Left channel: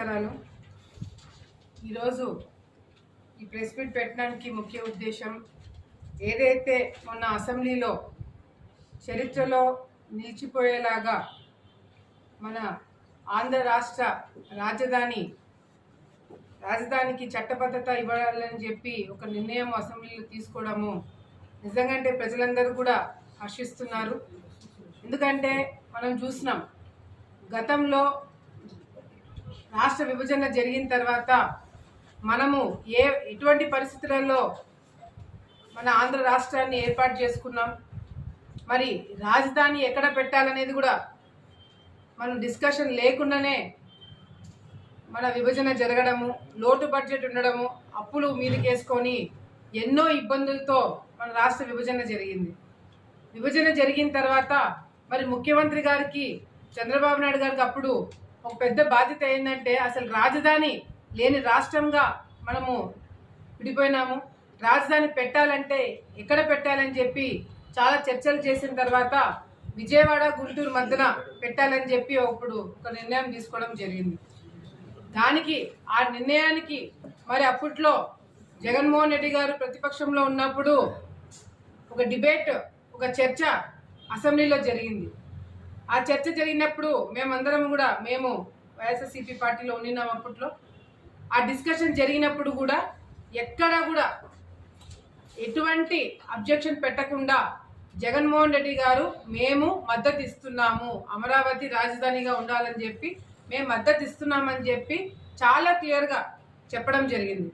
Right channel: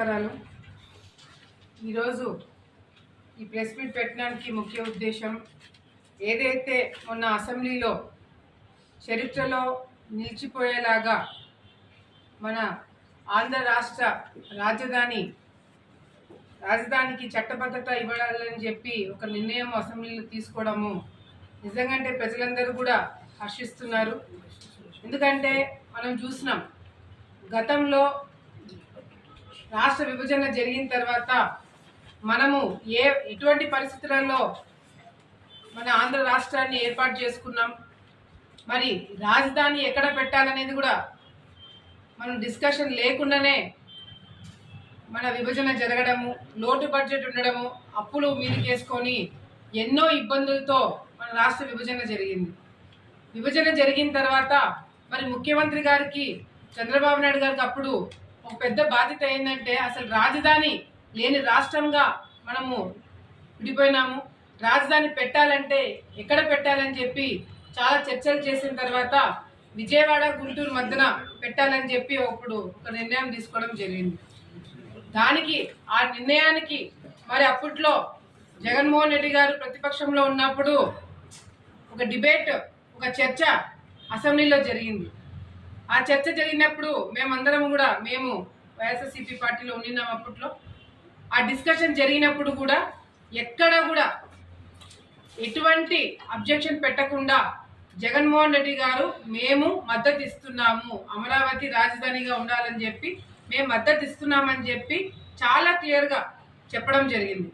నమస్కారాలు. ఈరోజు ఈ ప్రెస్ మీట్ పెట్టడానికి ముఖ్య ఉద్దేశం ఏదైతే మొన్న అసెంబ్లీలో చరిత్రలో నిలిచిపోయేలాగా మన ఆంధ్ర రాష్ట్ర రాజధానికి చట్టబద్ధత ఇవ్వాలని చెప్పి ఒక నిర్ణయం అసెంబ్లీలో తీసుకోవడము నిజంగా ప్రజలందరూ కూడా హర్షిస్తున్నారు. ఎందుకంటే మనం చూసినాం గతంలో రాష్ట్ర విభజన జరిగిన తర్వాత మనము ఎటువంటి పరిస్థితులలో మన ఆంధ్ర రాష్ట్రాన్ని ఏర్పాటు చేసుకున్నాం, మరి రాజధాని ఎక్కడ పెట్టాలనేది కూడా మనం డిస్కషన్ లేకుండానే మన విభజన జరగడము, లోటు బడ్జెట్ ఉండడము, అప్పులు మీదకేసుకొని ఎన్నో ఇబ్బందులతో మన రాష్ట్ర విభజన జరిగింది. విభజన జరిగిన తర్వాత మరి ముఖ్యమంత్రి గారికి చంద్రబాబు నాయుడు గారికి అప్పుడు ఒక పెద్ద బాధ్యత ఏంటంటే అసలు రాజధాని లేని రాష్ట్రంగా మనము విడిపోయినాము. రాజధాని పెట్టాలంటే ఎక్కడ పెట్టాలని చెప్పి చాలా చర్చలు చేసిన తర్వాత విజయవాడ గుంటూరు మధ్యన పెట్టాలని చెప్పి అప్పుడు ఒక నిర్ణయం తీసుకోవడం జరిగింది. ఆ నిర్ణయానికి మరి అప్పట్లో జగన్మోహన్ రెడ్డి గారు ప్రతిపక్షంలో ఉన్నప్పుడు ఒక డిబేట్, ఒక చర్చ అసెంబ్లీలో జరిగింది. ఆ చర్చ జరిగినప్పుడు మేమందరం కూడా మేము వైఎస్ఆర్సీపీ పార్టీలో ఉన్నాం. అప్పట్లో ఆ డిస్కషన్ జరిగినప్పుడు కూడా ఎక్కడ కూడా ఎటువంటి అబ్జెక్షన్ పెట్టకుండా జగన్మోహన్ రెడ్డి గారు మేము మద్దతు ఇస్తున్నాము, అమరావతి రాజధానిగా ఉండాలని చెప్పి మేము మద్దతు ఇస్తున్నామని చెప్పి చాలా క్లియర్గా చెప్పడం జరిగింది.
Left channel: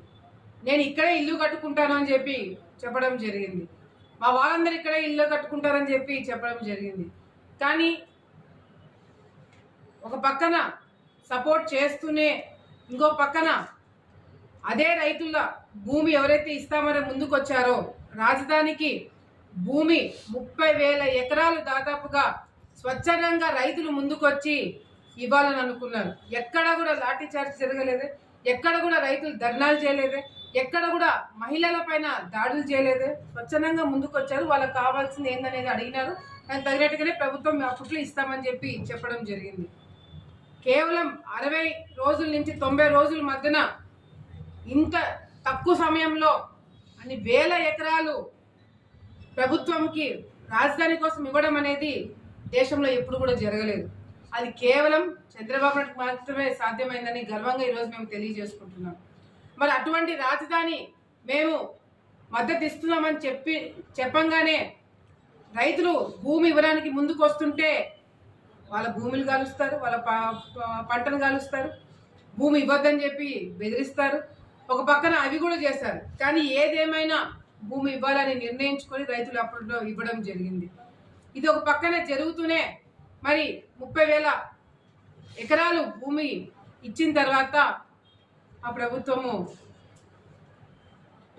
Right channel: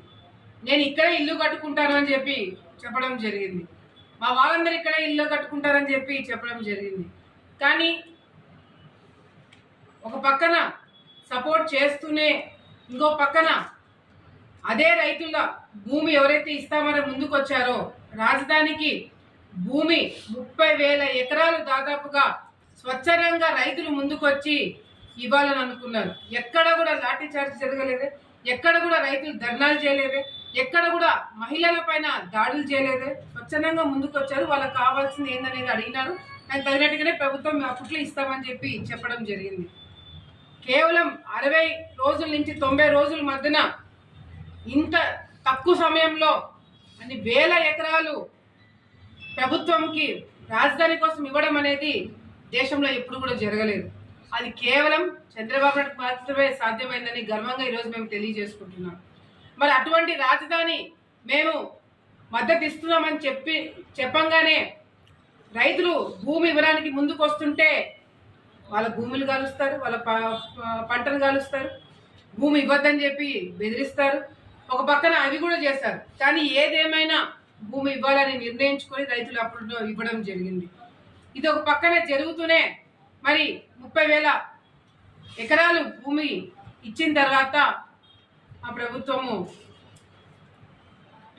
నేను ఇక్కడే ఇల్లు కట్టుకుంటాను అని చెప్పి చెప్పడం జరిగింది. మా వాళ్ళందరూ ఇక్కడే ఇల్లు కట్టుకుంటారని చెప్పి చెప్పడం జరిగింది. కానీ ఒక పక్కన సపోర్ట్ చేస్తూనే ఇంకో పక్కన అదే రైతుల భూమి ఎవరైతే ఇస్తామని ముందుకు వచ్చారో రాజధానికి భూమి 30,000 ఎకరాలు దాదాపుగా స్వచ్ఛందంగా రైతులు ముందుకొచ్చి ఇవ్వాలని అనుకున్నారు. ఎక్కడ కూడా లాఠీ చార్జ్ జరగలేదే, ఎక్కడ కూడా రైతులు ధర్నాలు చేయలేదే, ఎక్కడ కూడా మహిళల పైన దాడులు చేయలేదే, స్వచ్ఛందంగా ముందుకొచ్చారు. వాళ్ళకి కావాల్సింది ఏందనేది అడిగినారు. కానీ తగినట్టుగానే ప్రభుత్వం అప్పట్లో ఇస్తామని చెప్పి చెప్పడం జరిగింది. కేవలం 60 రోజుల నుంచి 90 రోజుల మధ్యన ఇంత తక్కువ సమయంలో అన్ని వేల ఎకరాలు ప్రభుత్వంకి రాజధాని కోసం ఇవ్వడం అనేది దేశంలో ఎప్పుడు కూడా జరగలేదు. అది కేవలం చంద్రబాబు నాయుడు మాత్రమే సాధ్యమైందని గర్వంగా ఈరోజు మేము తెలియజేసుకుంటున్నాం. మరి అటువంటి రాజధాని మేము మద్దతు ఇస్తున్నామని చెప్పంగానే రైతులు భూమి ఇవ్వడానికి ముందుకు వస్తుంటే వాళ్ళ భూములు కాలుస్తారు, వాళ్ళ పంటలు కాలుస్తారు, భూమి ఇవ్వద్దని చెప్పి బెదిరిస్తారు. ఒక పక్కన అవి కూడా చేస్తారు. కానీ ఏదేమైనా భూమి ఇవ్వాలని నిర్ణయించుకొని రైతులు అప్పుడు ఇవ్వడం జరిగింది. ఇది ఒక పక్కన జరుగుతూనే మరి 30,000 ఎకరాలు భూమి ఇచ్చిన తర్వాత ఆ ప్రభుత్వము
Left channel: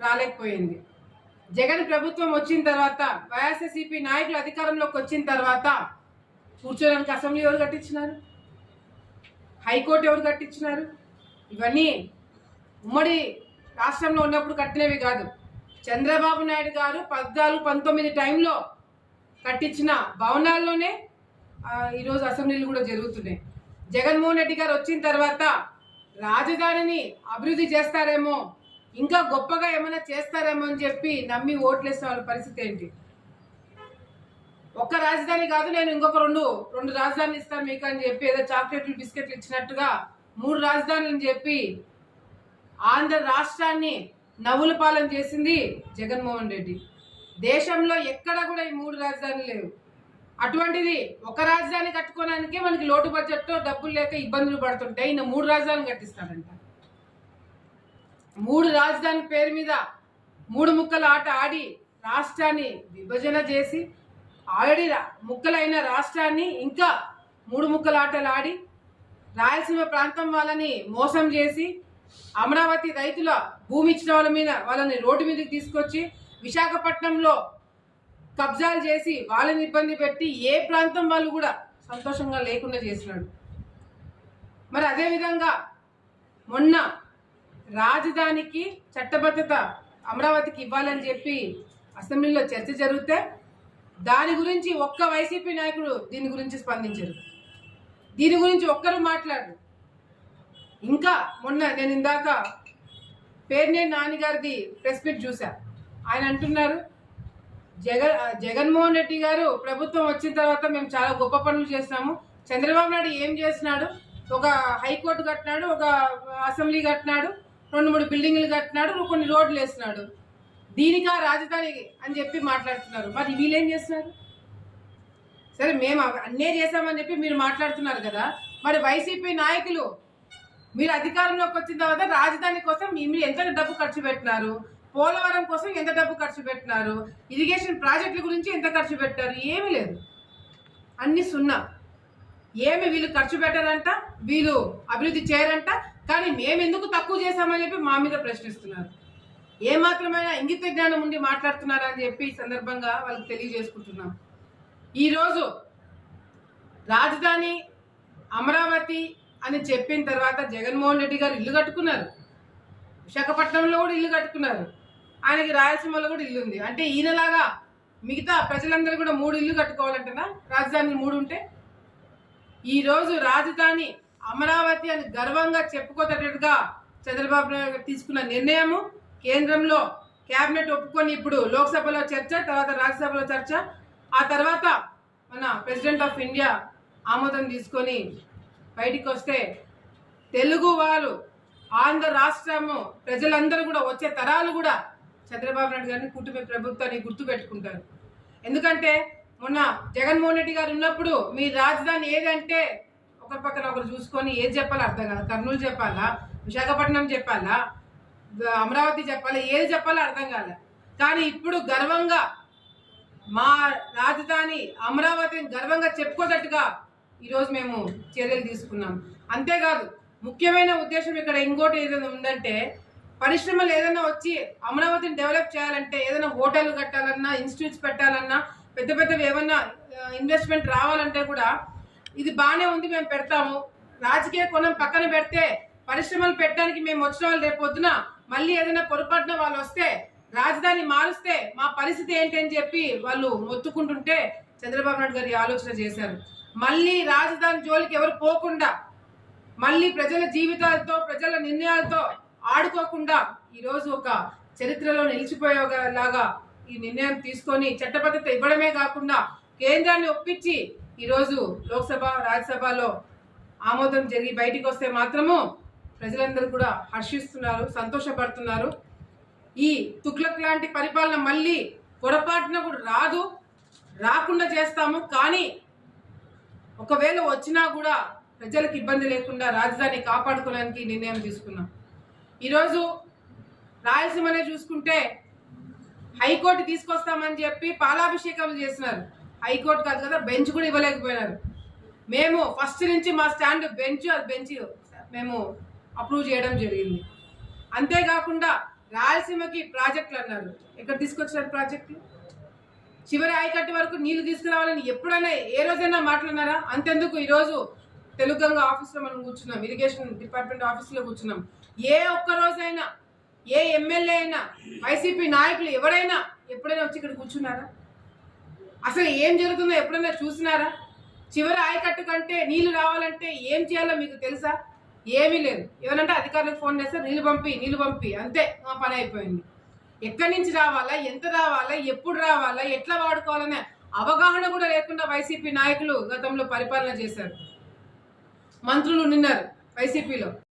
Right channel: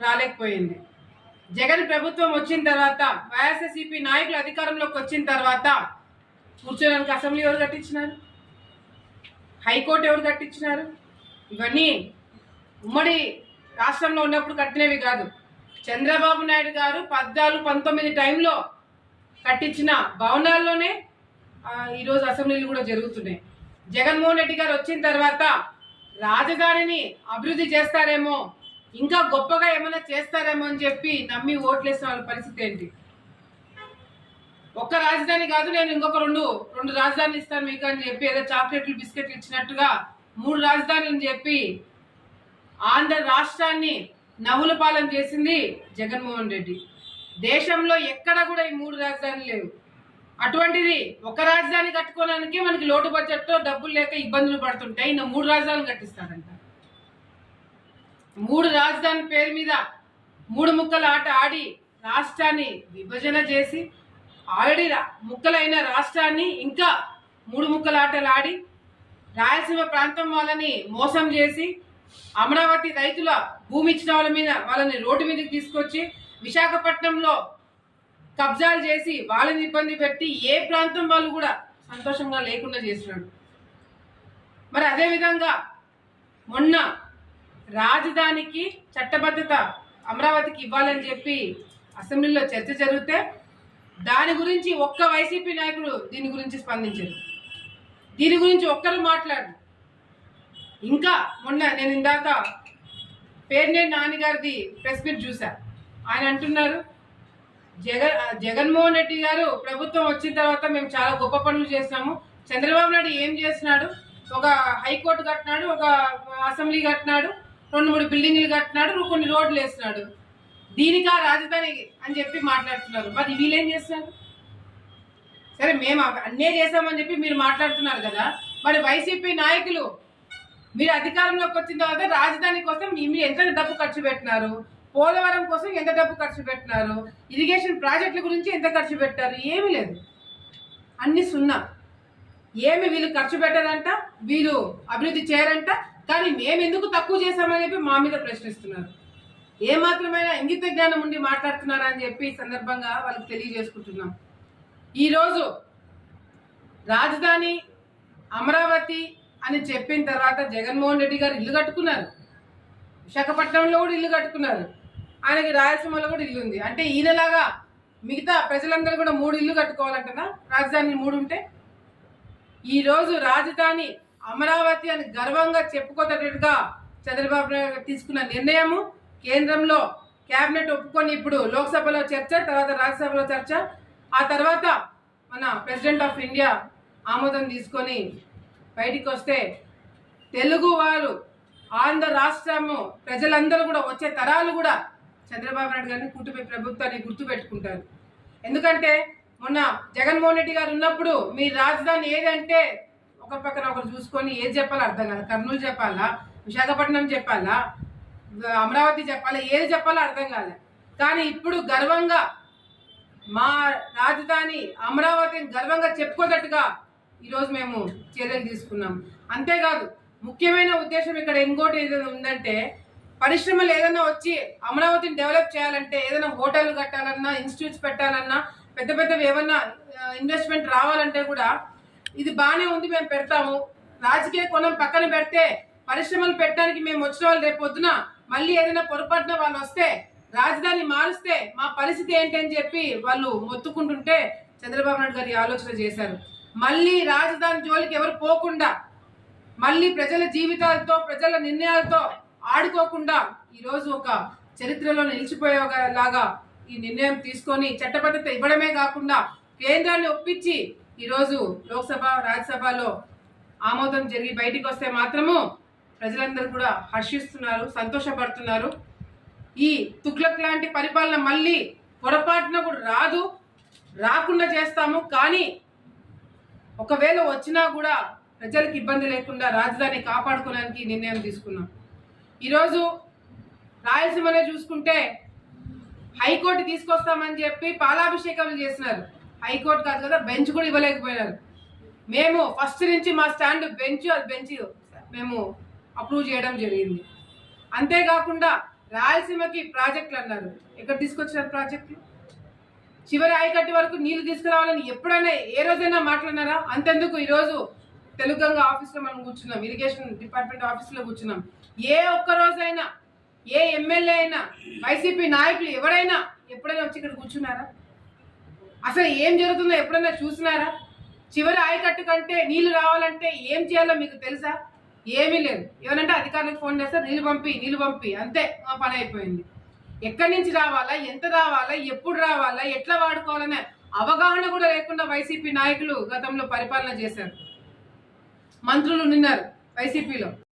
రాలేకపోయింది. జగన్ ప్రభుత్వం వచ్చిన తర్వాత వైఎస్ఆర్సీపీ నాయకులు అధికారంలోకి వచ్చిన తర్వాత కూర్చోడానికి అసెంబ్లీ ఎవరు కట్టించినారు, హైకోర్టు ఎవరు కట్టించినారు? ఇవన్నీ ఉమ్మడి రాష్ట్రంలో ఉన్నప్పుడు కట్టినవి కాదు. చంద్రబాబు నాయుడు గారు 14-19 టైంలో కట్టించిన భవనాల్లోనే ఈరోజు అసెంబ్లీలు కూడా జరుగుతున్నాయి. జగన్మోహన్ రెడ్డి గారు వచ్చిన తర్వాత రాజధానిని అభివృద్ధి చేస్తారేమో, ఇంకా గొప్పగా ఏమైనా చేస్తారేమో అని చెప్పి నమ్మి ఓట్లేసిన వాళ్ళ పరిస్థితి ఏంటి? ఒక్క రాజధాని కాదు, నేను ఇంకొక రెండు రాజధానులు ఇస్తాను మీకు అని చెప్పి ఏదో చాక్లెట్లు బిస్కెట్లు ఇచ్చినట్టుగా 3 రాజధానులని చెప్పి ఆంధ్ర రాష్ట్రాన్ని నవ్వుల పాలన చేసింది జగన్మోహన్ రెడ్డి. దేశంలో ఎక్కడ కూడా ఈ 3 రాజధానులు లేవు. అటువంటిది ఒక రాజధాని కట్టుకోవడానికి మనకి లోటు బడ్జెట్తో డబ్బులు లేక ఇబ్బందులు పడుతుంటాయి. ఈయన 3 రాజధానులు కట్టిస్తాడంట. 3 రాజధాని పేరు మీద 3 ముక్కల ఆట ఆడి రాష్ట్రాన్ని విభజన చేసి ఆల్రెడీ ముక్కలైన రాష్ట్రాన్ని ఇంకా 3 ముక్కల ఆటలు ఆడి రాయలసీమ ప్రాంతం వాళ్ళని మోసం చేసి అమరావతి రైతుల భూమి ఇచ్చిన వాళ్ళని రోడ్డు మీదకి తీసుకొచ్చి విశాఖపట్నంలో కబ్జాలు చేసి వాళ్ళని ఇబ్బంది పెట్టి ఏ ప్రాంతం వాళ్ళు కూడా సంతోషంగా లేకుండా చేసినాడు. మరి అదేవిధంగా మొన్న రాజధానికి చట్టబద్ధత అమరావతికి ఇవ్వాలని చెప్పి అసెంబ్లీలో చర్చ జరిగితే దాని గురించి ఒక్క వైసీపీ నాయకుడు దీని గురించి స్పందించారు. దీని గురించి ఒక్కరు మాట్లాడరు. ఇంకా మొన్న నేను ఇందాక పేర్నేని నాన్నగారిది ప్రెస్ మీట్ చూసా. ఆయన అంటున్నారు జగన్మోహన్ రెడ్డి గారు ప్రభుత్వం వచ్చిన తర్వాత మేము చాలా గొప్ప పనులు చేసినాము. చంద్రబాబు నాయుడు ఏం చేస్తున్నాడు? ఒక హైకోర్టు కట్టినాడు, ఒక అసెంబ్లీ కట్టినాడు, 2-3 బిల్డింగ్లు కట్టినాడు, కొన్ని రోడ్లు వేసినాడు. దీనికా రాజధాని అని చెప్పి మాట్లాడుతున్నారు. మరి వీళ్ళేం చేస్తున్నారు? సరే మేము అన్నే చేశామని చెప్పి మీరు మాట్లాడుతున్నారు కదా, మరి వైసీపీ నాయకులు మీరు అధికారంలోకి వచ్చిన తర్వాత రాజధాని కోసం మీరు ఎంత డబ్బు ఖర్చు పెట్టినారు? పోలవరం కోసం ఎంత డబ్బు ఖర్చు పెట్టినారు? ఇరిగేషన్ ప్రాజెక్టుల గురించి ఎంత ఖర్చు పెట్టారు? ఏమీ లేదు, అన్ని సున్నా. ఏమి వీళ్ళు ఖర్చు పెట్టారంట, వీళ్ళు అభివృద్ధి చేయరంట, కానీ మేము ఎందుకు తక్కువ చేశామని చెప్పి మా మీద ప్రశ్నిస్తున్నారు. ఏమాత్రమైనా ఇంగిత జ్ఞానం ఉండి మాట్లాడుతున్నారా అని చెప్పి సందర్భంగా వాళ్ళకి తెలియజేసుకుంటున్నాం. ఈరోజు రాజధాని అమరావతి అని చెప్పిన తర్వాత జగన్మోహన్ రెడ్డి గారు ఇల్లు కట్టుకున్నారు, విశాఖపట్నంలో కూడా ఇల్లు కట్టుకున్నారు, ఆయనకి రాయలసీమలో కూడా ఇల్లు ఉంది. అంటే ఈయనలాగా మిగతా ప్రజలందరూ కూడా 3 ఇల్లు కట్టుకోవాలంటనా? రాజధాని 3 ఉంటే. ఈరోజు రాజధాని అమరావతి అని గర్వంగా చెప్పుకోదట్టుగా చంద్రబాబు నాయుడు తీసుకున్న నిర్ణయము కేంద్రంలో కేబినెట్ ఒప్పుకొని ఇప్పుడు లోక్సభలో చర్చ, తర్వాత రాజ్యసభలో చర్చ, ఆ తర్వాత మన ప్రెసిడెంట్ ఆఫ్ ఇండియా ఆమోదం తీసుకొని బయటికి వస్తే తెలుగు వారు, ఆంధ్ర రాష్ట్రము ప్రజలందరూ కూడా, వచ్చే తరాలు కూడా చంద్రబాబు నాయుడు గారిని కూటమి ప్రభుత్వాన్ని గుర్తుపెట్టుకుంటారు. ఎందుకంటే మొన్న జగన్మోహన్ రెడ్డి గారు ఉన్నప్పుడు మీ రాజధాని ఏదంటే ఒకరి పక్కన ఒకరు చూసుకొని ఏది చెప్పాలో అర్థం కాదు. కర్నూలు చెప్పాలా, విశాఖపట్నం చెప్పాలా, అమరావతి చెప్పాలా, ఏది చెప్పాలో అర్థం కాలే. కానీ ఇప్పుడు గర్వంగా మా రాజధాని అమరావతిని గర్వంగా చెప్పుకోదట్టుగా ఈరోజు మేము చర్యలు తీసుకున్నాం. అంతేకాదు ముఖ్యమైన ఉద్దేశం ఇక్కడ ఇంకోటి ఏదైనా ఉందంటే, పరిశ్రమలు ఏదైనా వచ్చి అమరావతిని డెవలప్ చేయాలంటే, ఏదైనా హోటల్ కట్టాలన్నా, ఇన్స్టిట్యూట్స్ పెట్టాలన్నా, పెద్ద పెద్దవి ఏమన్నా ఇన్వెస్ట్మెంట్ రావాలంటే కూడా ఇది బాగానే ఉంది, మేము పెడతాము. రాజకీయ కోణం పక్కన పెడితే పరిశ్రమలు పెట్టడానికి మేము వచ్చిన వాళ్ళు రేపు పొద్దున మళ్ళీ ఏదైనా పొరపాటున వాళ్ళు వస్తే, రాజధాని మారుస్తే మా పరిస్థితి ఏంటి అని చెప్పి వాళ్ళు మొత్తుకుంటుంటే చంద్రబాబు నాయుడు గారు ఆలోచన చేశారు. మళ్ళీ రాజధాని జోలికి ఎవరు పోకుండా, మళ్ళీ ప్రజల జీవితాలతో, ప్రజల నిర్ణయాలతో ఆడుకోకుండా ఈరోజు ఒక చరిత్రలో నిలిచిపోయేలాగా ఈ నిర్ణయం తీసుకొని చట్టబద్ధత ఇవ్వడమే కాకుండా కేంద్రాన్ని ఒప్పించి ఈరోజు లోక్సభ, రాజ్యసభలో ఆమోదం జరిగి బయటికి వస్తే మాత్రము ప్రజలందరూ కూడా హర్షిస్తున్నారు, సంతోషపడుతున్నారు. ఈ తుగ్లక్ లాంటి పరిపాలన మళ్ళీ పొరపాటున కూడా రాదు, రాకుండా చేస్తాము. కానీ ఒకవేళ వచ్చినా కూడా ప్రజలకు ఇబ్బంది లేకుండా రాజధాని కాపాడుకోవడానికి నిర్ణయం తీసుకున్నాం. ఈరోజు రాయలసీమనే చూసుకుంటే హైకోర్టు తీసుకొస్తామని చెప్పి పాలాభిషేకాలు చేసినారు. హైకోర్టు కాదు కదా, బెంచ్ కూడా ఇవ్వలేకపోయినారు. మేము ఫస్ట్ నుంచి మా స్టాండ్ బెంచ్ మేము అప్రూవ్ చేయడం జరిగింది. అంతేకాకుండా రాయలసీమకి ప్రాజెక్టులు అన్నారు. ఎక్కడ తీసుకొచ్చారు ప్రాజెక్టులు? చివరి ఆయకట్టు వరకు నీళ్లు తీసుకురావాలని ఎప్పుడైనా ఏ రోజైనా మాట్లాడినారా? అంతెందుకు ఈరోజు తెలుగంగ ఆఫీస్లో మనం కూర్చున్నాం, ఇరిగేషన్ డిపార్ట్మెంట్ ఆఫీస్లో కూర్చున్నాం. ఏ ఒక్క రోజైనా ఏ ఎమ్మెల్యే అయినా, వైసీపీ నాయకులు ఎవరైనా ఎప్పుడైనా వచ్చి ఇక్కడ కూర్చున్నారా? అసలు ఏం జరుగుతుందో ఎప్పుడైనా చూసినారా? చివరి ఆయకట్టు కంటే నీళ్లు రావాలంటే ఏం చేయాలో మీకు తెలుసా? ఏమీ లేదు. ఏమనంటే అధికారులకు ఫోన్ చేస్తే నీళ్లు పంపి అంతే, మా పని అయిపోయింది. ఎక్కడి నుంచి రావాలా, ఎంత రావాలా, ఎప్పుడు రావాలా, ఎట్లా వాడుకోవాలనే అవగాహన కూడా లేకుండా వైసీపీ నాయకులు గతంలో పరిపాలన చేశారు. మంత్రులు ఉన్నారు వైసీపీలో.